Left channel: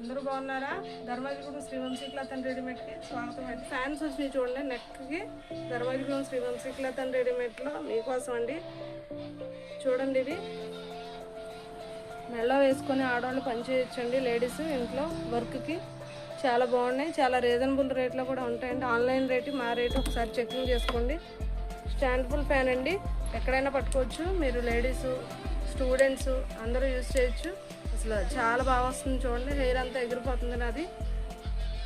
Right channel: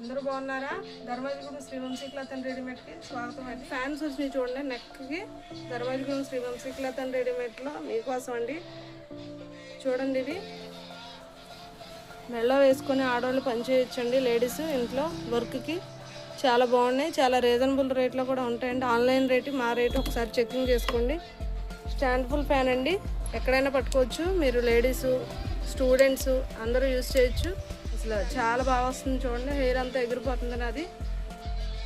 అందరూ బాగున్నారా? ధర్మజిగూడెం Shri Vamsi cloth and రెడీమేడ్కి స్వాగతం అండి. ఫ్యాన్స్ వచ్చినాయి చూడండి నెక్కి. ధర్మజిగూడెం శ్రీ వంశీ క్లాత్ అండ్ రెడీమేడ్లో మీకోసం అండి. చూడండి, ఇది మెళ్ళ వేసుకొని ఆడవాళ్ళు పనిచేయచ్చండి. లేడీస్ ఇంట్లో వర్క్కి చాలా బాగున్నాయి. చాలా రీజనబుల్ రేట్లో కూడా ఉంటాయండి. ఆన్లైన్ రేటు మా రేటు ఒకసారి చెకింగ్ చేసుకోండి. స్టాండ్ఫుల్ ఫ్యాన్ అండి, ఎక్కడైనా పట్టుకోవచ్చు. మీరు లేడీసు, స్టూడెంట్స్ అందరూ యూజ్ చేయొచ్చు. అసలు చాలా బాగా వస్తుంది చూడండి. హెయిర్ అంతా ఎగిరిపోతుంది, అది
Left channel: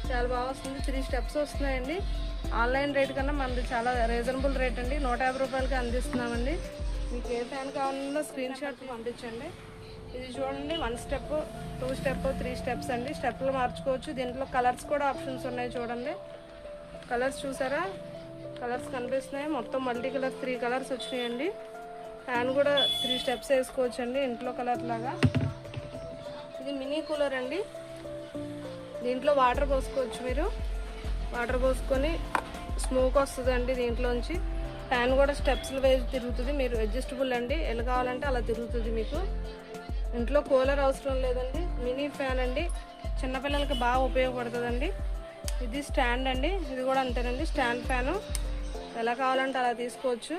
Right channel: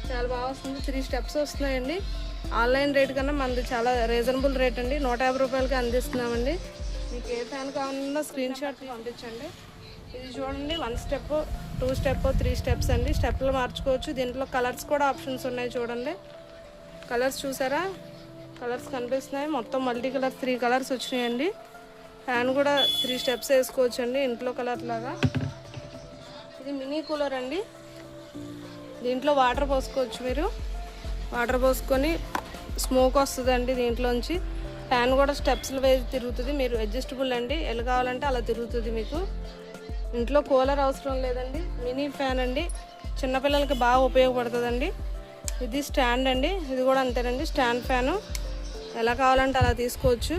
చాలా బాగా వస్తుంది. 3 స్టెప్స్ వస్తున్నాయండి. ఆన్లైన్ రేట్ కన్నా మనది చాలా రీజనబుల్ రేట్ అండి. 150 రూపాయలకి అందిస్తున్నామండి. మీకు ఏ ఫ్యాన్ కావాలన్నా స్క్రీన్ షాట్ పంపించండి. ఇది చూడండి, 1 స్టెప్, 2 స్టెప్, 3 స్టెప్స్ అండి. స్టెప్లు మార్చుకోవచ్చు. దీంట్లో కలర్స్ కూడా ఆప్షన్స్ ఉన్నాయి చూడండి. కలర్స్ చూసారా? కలర్స్ కనిపిస్తున్నాయి. మొత్తం మల్టీ కలర్స్ 3 కలర్స్ వచ్చినాయండి. ఫ్యాన్ కూడా 3 స్టెప్స్ వేసుకోవచ్చు అండి, ఇంట్లో కలర్ లాగా. ఇది మినీ కూలర్ అండి. దీంట్లో వాటర్ పోసుకోవచ్చు. మీరు వాటర్ పోసుకొని స్మోక్ వస్తుందండి దీంట్లోంచి. ఫ్యాన్ కూడా స్టెప్స్లు వేసి తిరుగుతుంది. మీరు అడ్జస్టబుల్ అండి, ఎలా కావాలంటే అలా తిరుగుతుంది. మీకు ఇంట్లో కూలర్ అవసరం లేదండి. మినీ ఫ్యాన్ అండి, చిన్నపిల్లలకి బాగా ఉపయోగపడుతుందండి. ఇది స్టాండ్ అండి, ఇది కూడా అంతేనండి. స్టాండ్ ఫ్యాను ఎలా కావాలంటే అలా తీసుకోవచ్చు.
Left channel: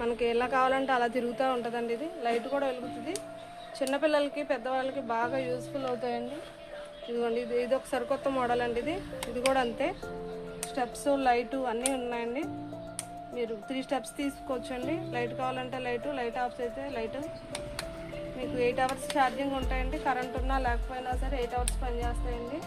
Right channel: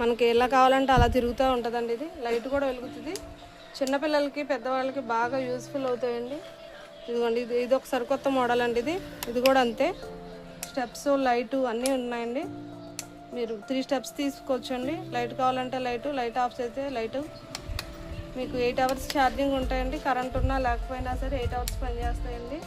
మనకి ఎలా కావాలంటే అలా తిరుగుతూ ఉంటుందండి. ఇది లైట్ కూడా వెలుగుతుంది. చిన్నపిల్లలకి, పెద్దవాళ్ళకి బాగా యూస్ఫుల్ అవుతాయండి. ఇదిగోండి, ఇది ఒక సరికొత్త మోడల్ అండి. ఇది కూడా అంతే. స్టెప్స్, లైటు అన్నీ ఉన్నాయండి. మీరు 3 స్టెప్స్ తీసుకోవచ్చండి. లైట్ కావాలంటే లైట్ ఆఫ్ అయితే లైటు. మీకు 8 అవర్స్ ఛార్జింగ్ ఉంటాయండి. కరెంట్ ఉన్నా లేకపోయినా సరే 8 అవర్స్ పనిచేస్తాయండి.